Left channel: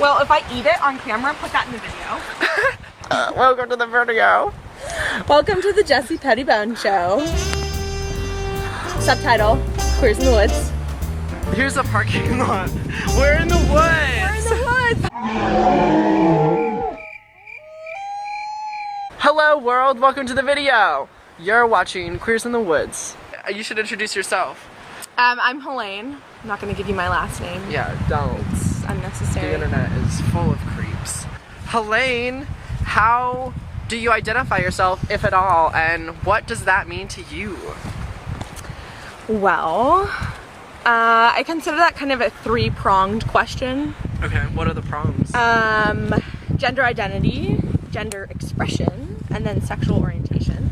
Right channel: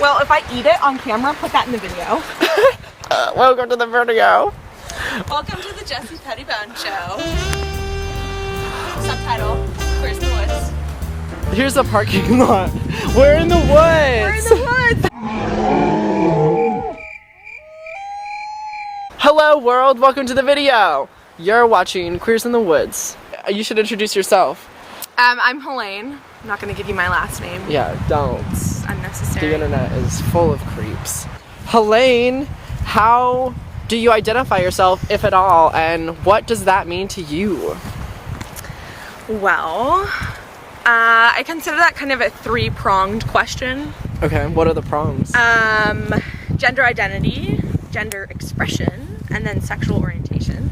Well, if I eat it on camera, put that in the video. Welcome to the video. Welcome to the Jessie Pettibone Show. Subtitle, Queers in the Woods. Here's the parking lot. We're in the woods. We're in the woods. Hello world, welcome to the video. You're watching Queers in the Woods. You should introduce yourself. I'm Helene. I'm not gonna give you my last name. Yeah, don't. It's unnecessary. The internet is full of creeps. Helene, how do you identify yourself, if at all, and what does that mean to you? Well, I consider that kind of a three-pronged question. Okay, what are the prongs? Gender identity, gender expression, and then sexual orientation.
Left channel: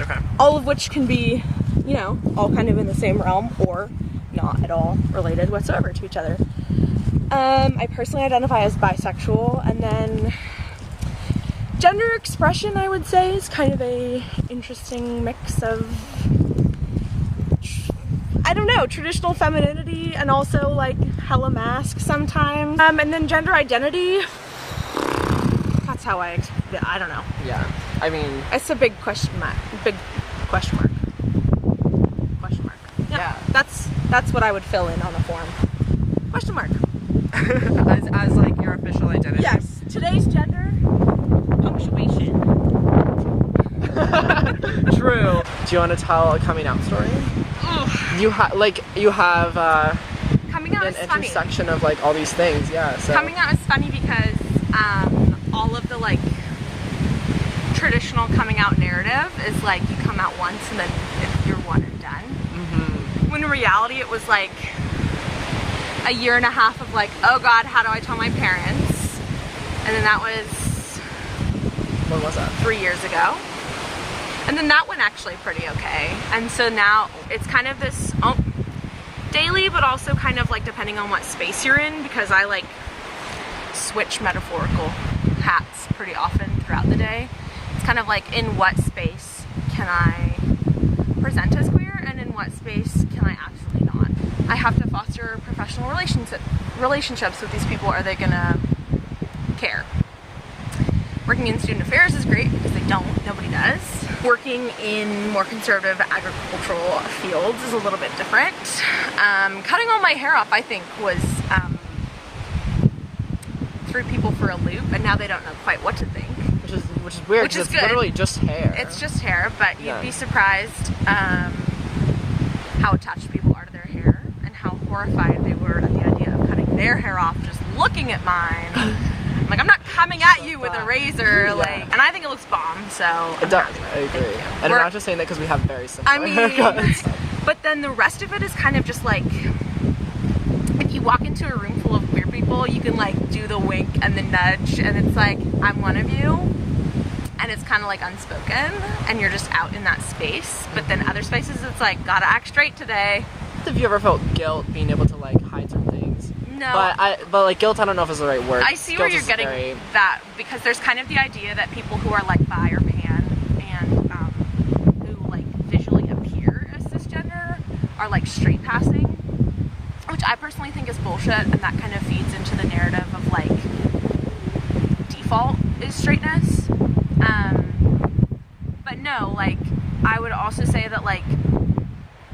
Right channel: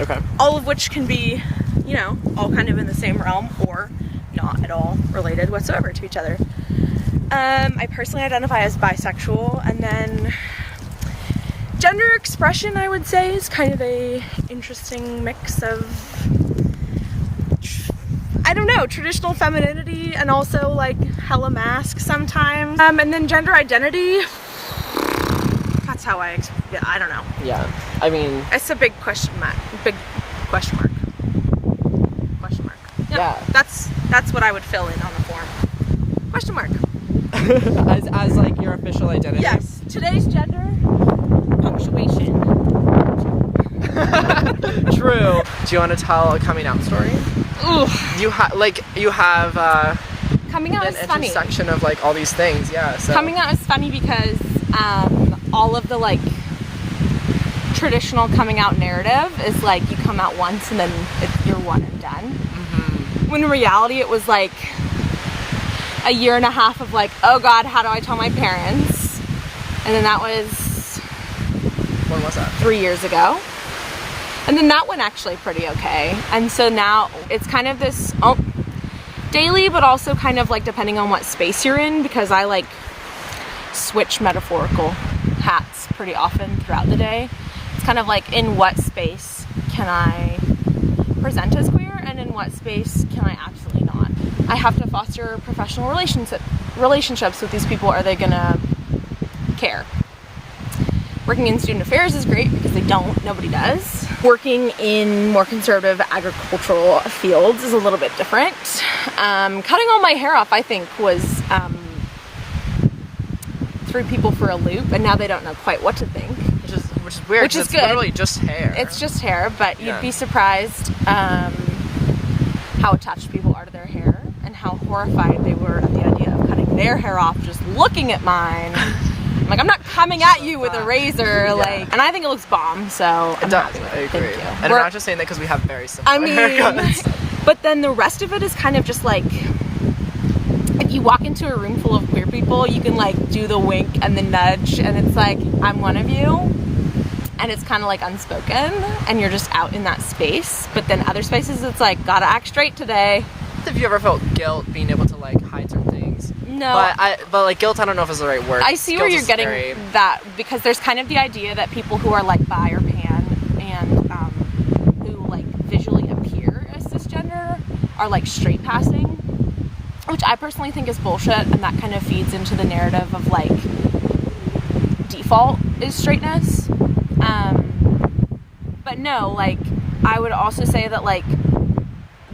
Okay. All of which can be, you know, all kind of in the same realm or not at all related whatsoever to each other. I personally identify as bisexual, and then gender expression, I would say, is kind of a interesting mix of, I don't know, traditional femininity and also like hella mask sometimes. And then gender identity, that's how I don't know. Yeah, I mean, It's a big question mark. Big question mark. Question mark. Yep. Yeah. That's what I would fill in on the form. Question mark. as like your official identity. Yes. Today's gender. Punctuation. True. Do you want to tell a coming out story? Ugh. You have Coming out an is funny. intersection of like all these things. Yeah. So. Coming out is funny because all of the like traditional coming out narrative is like you come out once and then you're one and done. Mm-hmm. When in reality it was like a year and a half of like, oh God, how do I tell my parents? And then that was... When was that? 3 years ago. And then that went actually pretty okay. And so now it's kind of this daily, but also kind of like depending on what space you're in, because I like switch metaphorical hats pretty often throughout the day. It's kind of like, in what space can I present as queer, and in what space can I absolutely not? I have to foster professional relationships with these people. Are they gonna care? Working in student affairs is great because they don't. Nobody does. Working in more conservative agricultural fields is a little bit different. Cutting all my hair off, I think, was threw people for a loop, and now they don't know quite what to think. Which is weird. Which is it's good. literally just hair. It's just hair, but Yeah. you'd be surprised how attached people are to their hair and how horrified they were at the idea of cutting their hair off just looking at mine. I'm like, I'm not coming at you with a razor, Yeah. like, and I think it looks bomb, so It does. I agree. And I'm not just saying that because we have very similar haircuts. But then the rest of it is kind of just like, if you walk into a room full of queer people, you can like do the wink and the nudge, and it's like, I'm one of you. And it's kind of like unspoken, and you're just out in that space. But then other spaces, it's like, gotta act straight today. Have you ever felt guilt being able to like hide certain things? No. But like guilt, I don't know if it's the right word. I see where Guilt you're is getting very... that, because there's kind of the idea that people who are like bi or pan and who like visually appear as cisgender are like straight passing, which I personally think is bullshit, and that kind of feeds into the narrative of like default is straightness. But no, like, I would also say that, like,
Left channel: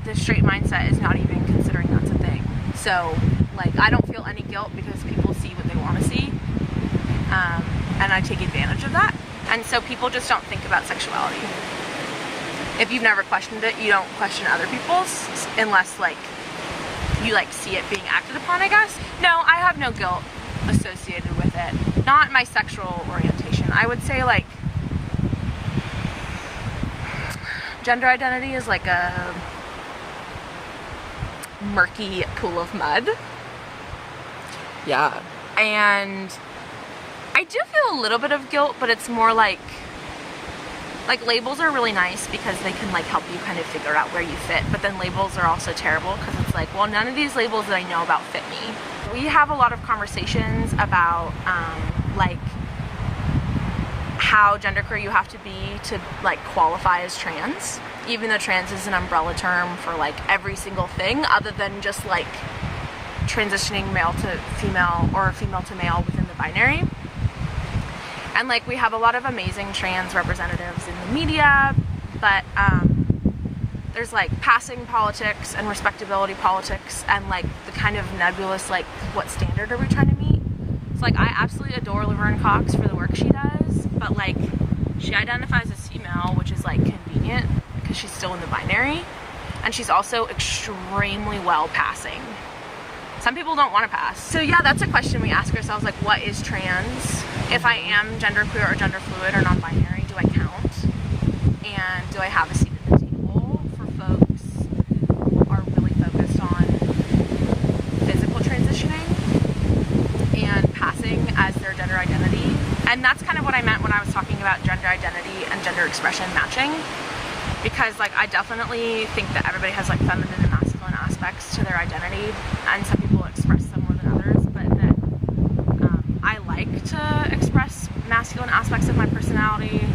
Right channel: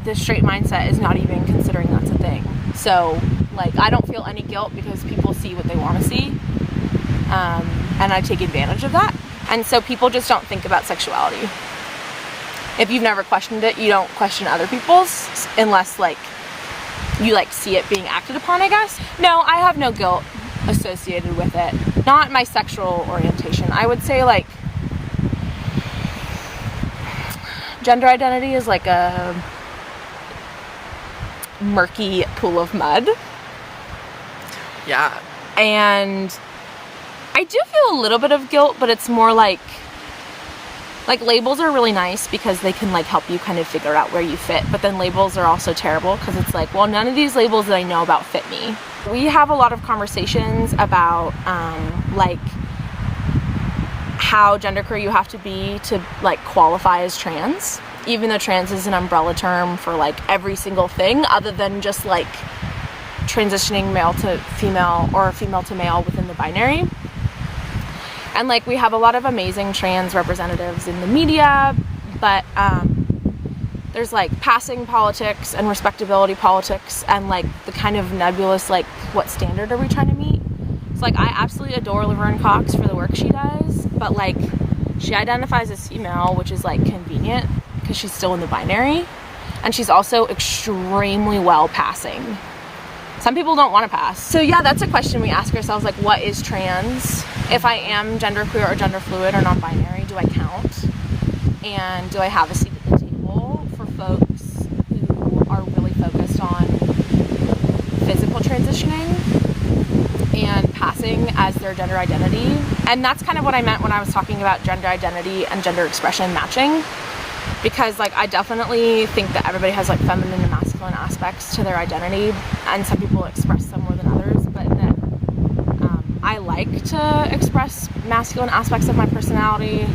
the straight mindset is not even considering that's a thing. So, like, I don't feel any guilt because people see what they want to see. And I take advantage of that. And so people just don't think about sexuality. If you've never questioned it, you don't question other people's unless, like, you, like, see it being acted upon, I guess. No, I have no guilt associated with it. Not my sexual orientation. I would say, like, gender identity is like a murky pool of mud. Yeah. And I do feel a little bit of guilt, but it's more like labels are really nice because they can like help you kind of figure out where you fit. But then labels are also terrible because it's like, well, none of these labels that I know about fit me. We have a lot of conversations about like how genderqueer you have to be to like qualify as trans, even though trans is an umbrella term for like every single thing other than just like transitioning male to female or female to male within the binary. And like we have a lot of amazing trans representatives in the media, but there's like passing politics and respectability politics and like the kind of nebulous like what standard are we trying to meet. It's like I absolutely adore Laverne Cox for the work she does, but like she identifies as female, which is like convenient because she's still in the binary, and she's also extremely well passing. Some people don't want to pass. So yeah, that's a question we ask ourselves, like what is trans? If I am genderqueer or gender fluid or non-binary, do I count? And do I have a seat at the table for folks who are really focused on physical transitioning and passing as their gender identity? And that's kind of what I meant when I was talking about gender identity and gender expression matching. Because like I definitely think that everybody has like feminine and masculine aspects to their identity, and some people express them more than others, but that I like to express masculine aspects of my personality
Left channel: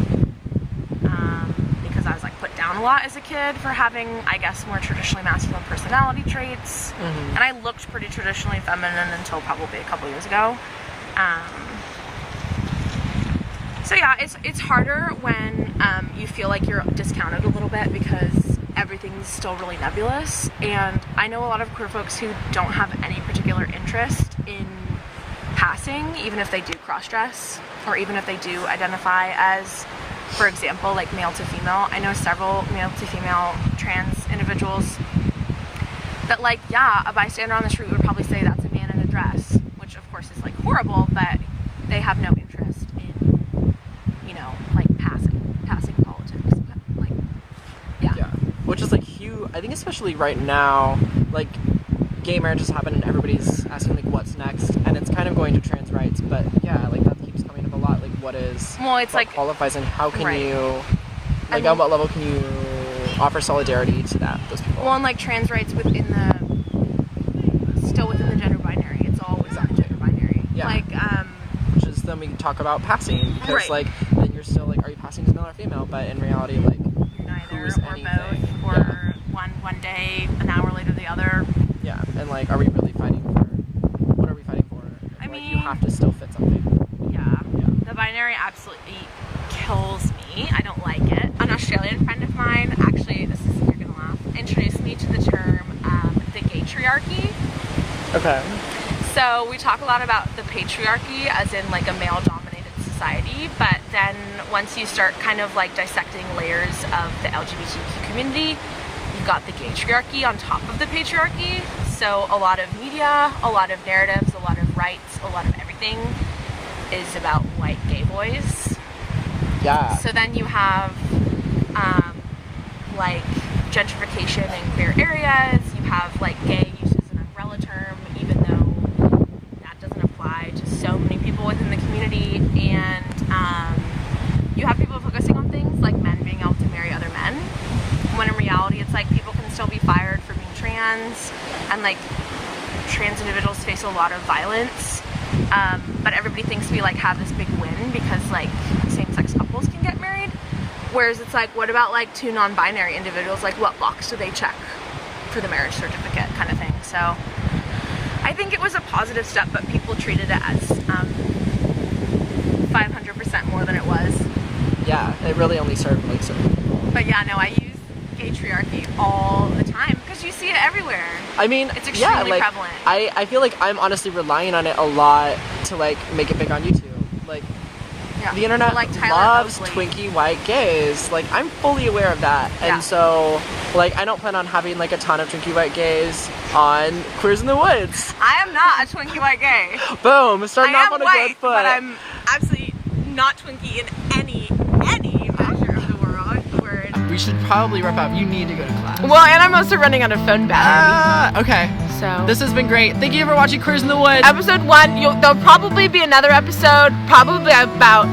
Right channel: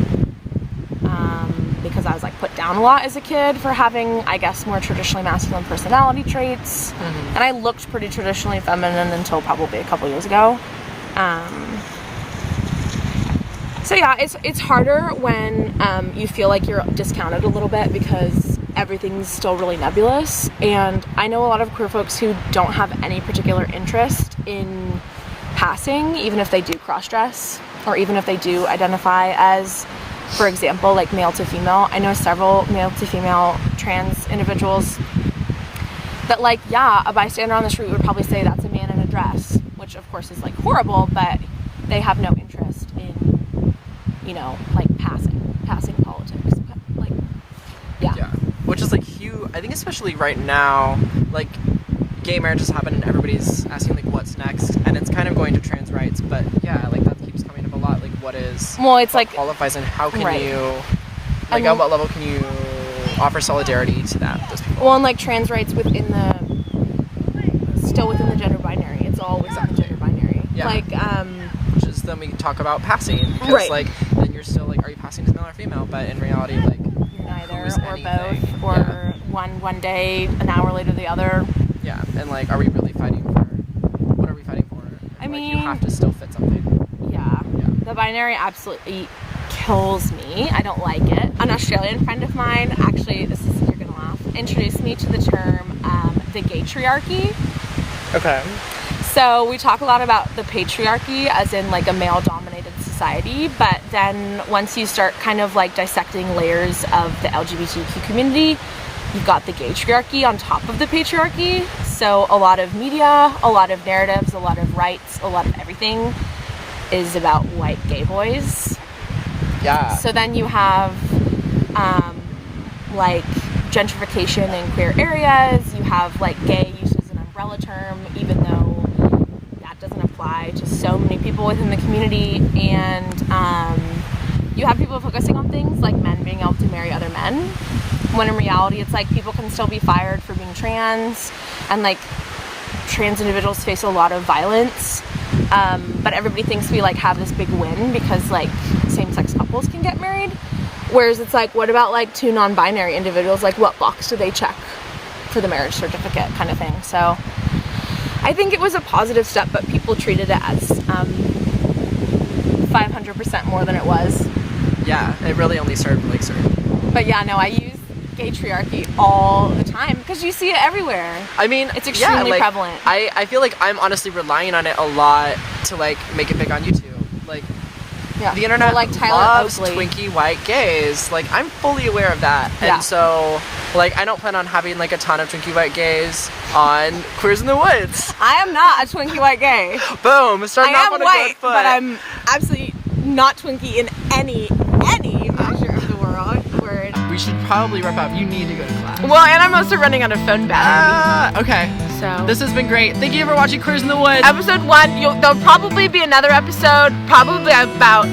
because I was like put down a lot as a kid for having, I guess, more traditionally masculine personality traits. And I looked pretty traditionally feminine until probably a couple years ago. So yeah, it's harder when you feel like you're discounted a little bit because everything's still really nebulous. And I know a lot of queer folks who don't have any particular interest in passing, even if they do cross-dress, or even if they do identify as, for example, like male to female. I know several male to female trans individuals that like, yeah, a bystander on the street would probably say that's a man in a dress, which of course is like horrible, but they have no interest in, you know, like passing politics. Like, yeah. Which is like huge. I think especially right now, like gay marriage has happened and everybody's asking like what's next, and it's kind of going to trans rights, but yeah, like that keeps coming up a lot. Like it's what like qualifies and how can you, like at what level can you offer solidarity to those people? Well, and like trans rights still within the gender binary. It's all within the gender binary. Yeah. Like, which is then we talk about passing, because like then you're still like, are you passing as male or female? But in reality, like neither who's or anything? both, or one day, an hour later the other. Yeah, and like, are we really fighting for? What are we fighting for? I mean, mean, you have to still fit something. Yeah. The binary absolutely kills me. I don't like it. An Australian friend of mine, actually, you're gonna laugh, introduced me to the term the gaytriarchy. Okay. So we talk a lot about the patriarchy as in like a male-dominated society, but then once you start kind of like dissecting layers of the LGBTQ community, you've got the gaytriarchy on top of the patriarchy. So a lot of media, a lot of narratives, a lot of rights, a lot of everything is about white gay boys. Yeah. So then you have like gentrification in queer areas. You have like gay used as an umbrella term, even though that doesn't apply to so many people within the community. And you have people focusing on things like men being able to marry other men, when in reality it's like people can still be fired for being trans, and like trans individuals face a lot of violence, but everybody thinks we like have this big win because like same-sex couples can get married, whereas it's like, what about like two non-binary individuals? Like, what box do they check for the marriage certificate kind of thing? So I think it was a positive step, but people treated it as 500% more than it was. Yeah, it really only served like certain people. But yeah, no, I use gaytriarchy all the time because you see it everywhere. I mean, it's extremely prevalent. I feel like I'm honestly relying on it a lot to like make it big on YouTube. Like, the internet loves twinkie white gays. Like, I'm fully aware of that. And so, like, I don't plan on having like a ton of twinkie white gays on Queers in the Woods. I am not a twinkie white gay. Boom, starting off on a good foot. But I'm absolutely not twinkie in any measure of the world. We should probably wrap up. You need to go to class. Well, and I'm also running out of phone battery. Okay. So this has been great. Thank you for watching Queers in the Woods. Episode 1. There'll probably be another episode, probably about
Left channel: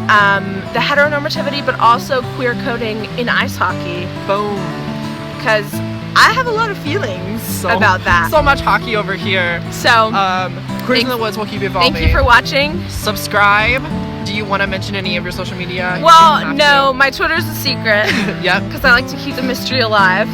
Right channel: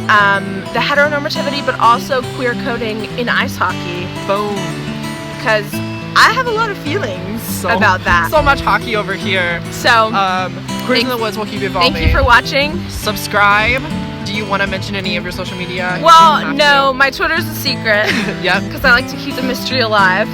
the heteronormativity, but also queer coding in ice hockey. Boom. Because I have a lot of feelings about that. So much hockey over here. So, Queers in the Woods will keep evolving. Thank you for watching. Subscribe. Do you want to mention any of your social media? Well, no, my Twitter's a secret. Yep. Because I like to keep the mystery alive.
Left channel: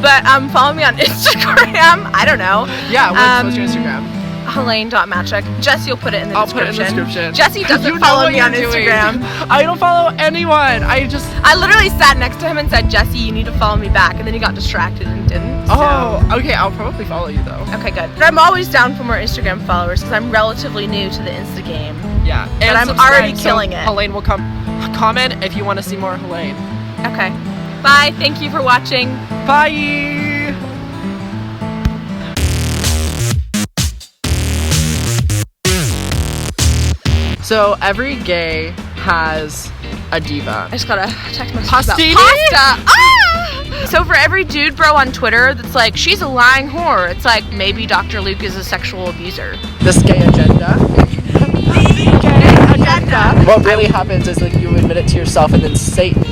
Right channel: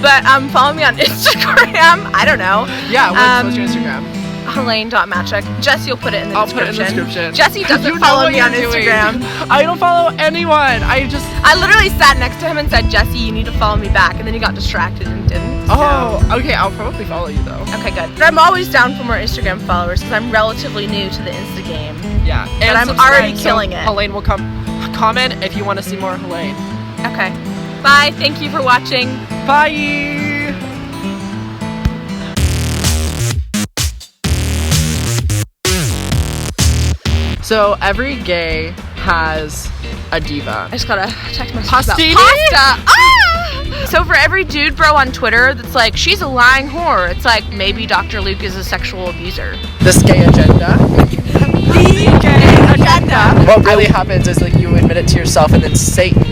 But follow me on Instagram. I don't know. Yeah, what's your Instagram? Helene.Matchuk. Jesse will put it in the I'll description. put it in the description. Jesse doesn't follow me on Instagram. I don't follow anyone. I literally sat next to him and said, Jesse, you need to follow me back. And then he got distracted and didn't. Oh, okay. I'll probably follow you though. Okay, good. But I'm always down for more Instagram followers because I'm relatively new to the Insta game. Yeah. And I'm already killing it. Helene will comment if you want to see more Helene. Okay. Bye. Thank you for watching. Bye. So every gay has a diva. I just got a text message Pastini? about pasta. Ah! So for every dude bro on Twitter that's like, she's a lying whore, it's like, maybe Dr. Luke is a sexual abuser. This gay agenda. The gay agenda. What really happens is like you admit it to yourself and then Satan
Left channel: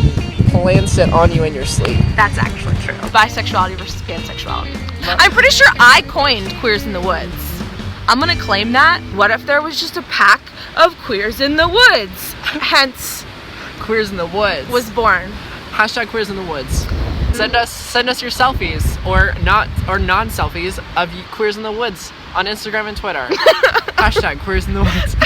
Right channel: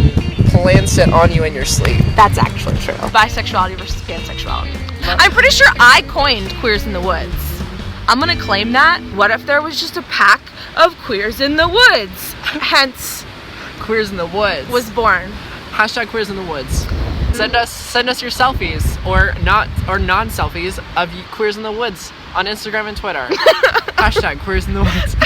plants it on you in your sleep. That's actually true. Bisexuality versus pansexuality. I'm pretty sure I coined Queers in the Woods. I'm gonna claim that. What if there was just a pack of Queers in the Woods? Hence, Queers in the Woods was born. Hashtag Queers in the Woods. Send us your selfies or non-selfies of Queers in the Woods on Instagram and Twitter. Hashtag Queers in the Woods.